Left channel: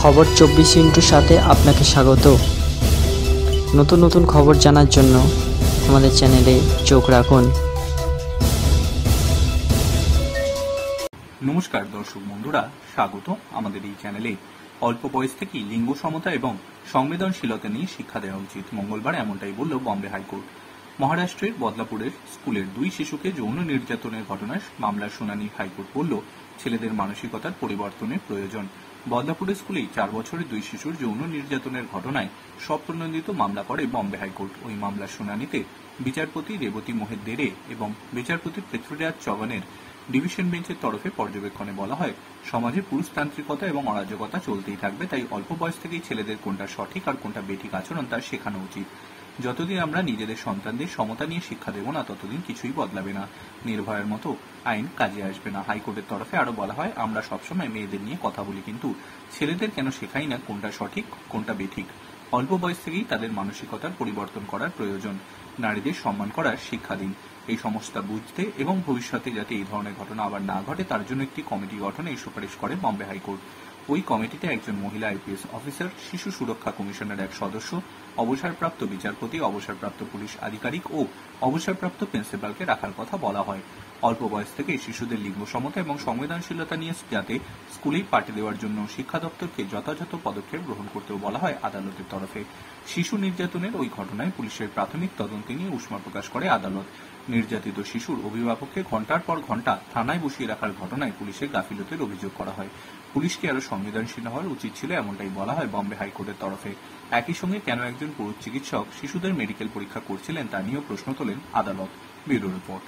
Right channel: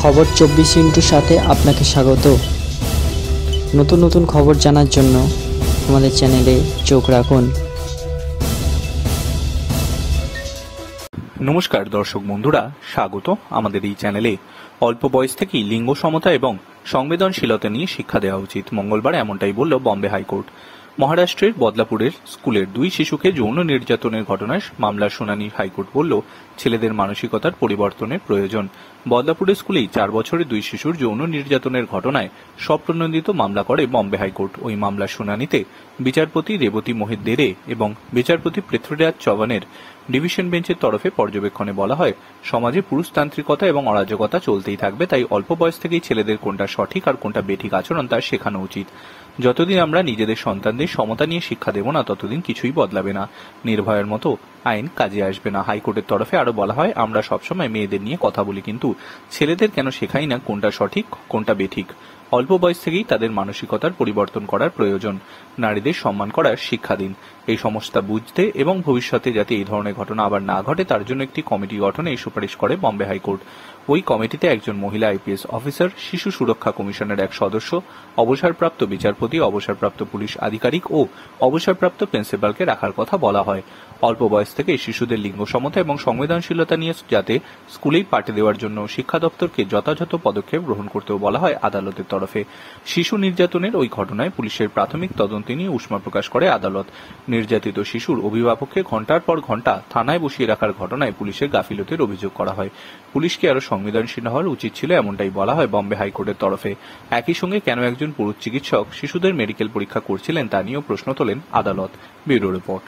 খবর 24 সাথে আপনাকে স্বাগত। নতুন নতুন খবর জানার জন্য আমাদের চ্যানেলে চোখ রাখুন। নমস্কার দর্শক বন্ধুরা, স্বাগত আমাদের এই চ্যানেলে। অল্প বয়স থেকেই লিঙ্গ সমতা এবং সংবেদনশীলতা নিয়ে শিক্ষা দেওয়া উচিত, মঙ্গলবার এমনটাই বলল বম্বে হাইকোর্ট। মহারাষ্ট্রের বদলাপুরের স্কুলের 2 শিশুকে যৌন নির্যাতনের ঘটনায় মামলার শুনানি হাইকোর্ট বলল ছেলেদের মানসিকতার পরিবর্তনের প্রয়োজন। বদলাপুরের স্কুলেই 4 বছরের 2 শিশুর যৌন নির্যাতনের ঘটনায় স্বপ্রণোদিত মামলা করে বম্বে হাইকোর্ট। ওই মামলার শুনানিতে বিচারপতি রেবতী মোহিত দেরে এবং বিচারপতি পৃথ্বীরাজ চৌহানের ডিভিশন বেঞ্চের তরফে পর্যবেক্ষণে বলা হয়, সমাজে পুরুষতান্ত্রিকতা এবং অরাজকতা চলতেই থাকবে, তাই অল্প বয়স থেকেই ছেলেদের কোনটা সঠিক আর কোনটা বেঠিক আচরণ তা শেখানো উচিত। যতদিন আমরা নিজেদের সন্তানদের সমতা নিয়ে শিক্ষা দেব না, ততদিন কিছুই বদলাবে না, নির্ভয়ার মতো আইন কাজে আসবে না। হাইকোর্টের তরফে আরো বলা হয়, আমরা সবসময় মেয়েদের নিয়ে কথা বলি, কিন্তু ছেলেদের কেন শেখাই না কোনটা সঠিক কোনটা বেঠিক। অল্প বয়স থেকেই তাদের মানসিকতার পরিবর্তন করার প্রয়োজন। নারীদের সম্মান করার শিক্ষা দিন। এই সমস্যা বুঝতে এবং ভবিষ্যতে যাতে এই ধরনের ঘটনা আবার না ঘটে তার জন্য একটি কমিটি গঠনে এই সুপারিশ করে বম্বে হাইকোর্ট। ওই কমিটিতে একজন মহিলা আইপিএস অফিসার, শিশু সুরক্ষা কমিশনের এক সদস্য, অবসরপ্রাপ্ত বিচারপতি, অবসরপ্রাপ্ত পুলিশ আধিকারিক ও অবসরপ্রাপ্ত প্রিন্সিপালকে রাখার কথা বলা হয়। অল্প বয়স থেকে শিশুদের লিঙ্গ সমতা এবং সংবেদনশীলতা নিয়ে যাতে স্কুলেই পাঠিয়ে দেওয়ার জন্য শিক্ষা দপ্তরকে যথাযথ পদক্ষেপ গ্রহণ করতেও বলা হয় আদালতের তরফে। শিশু নির্যাতনের ওই ঘটনায় পুলিশের প্রাথমিক তদন্ত নিয়ে উষ্মা প্রকাশ করে আদালত। নির্যাতিত শিশুর অভিভাবককে ঘণ্টার পর ঘণ্টা থানায় বসিয়ে রাখার ঘটনায় পুলিশের গাফিলতির অভিযোগ করা হয়। পুলিশকে আরো সংবেদনশীল হওয়া উচিত ছিল, এমনটাই বলা হয় বম্বে হাইকোর্টের তরফে। একই সঙ্গে কেন একজন পুরুষ চিকিৎসক শিশুদের মেডিকেল পরীক্ষা করছিলেন তা নিয়েও প্রশ্ন তোলেন আদালত। Bureau report.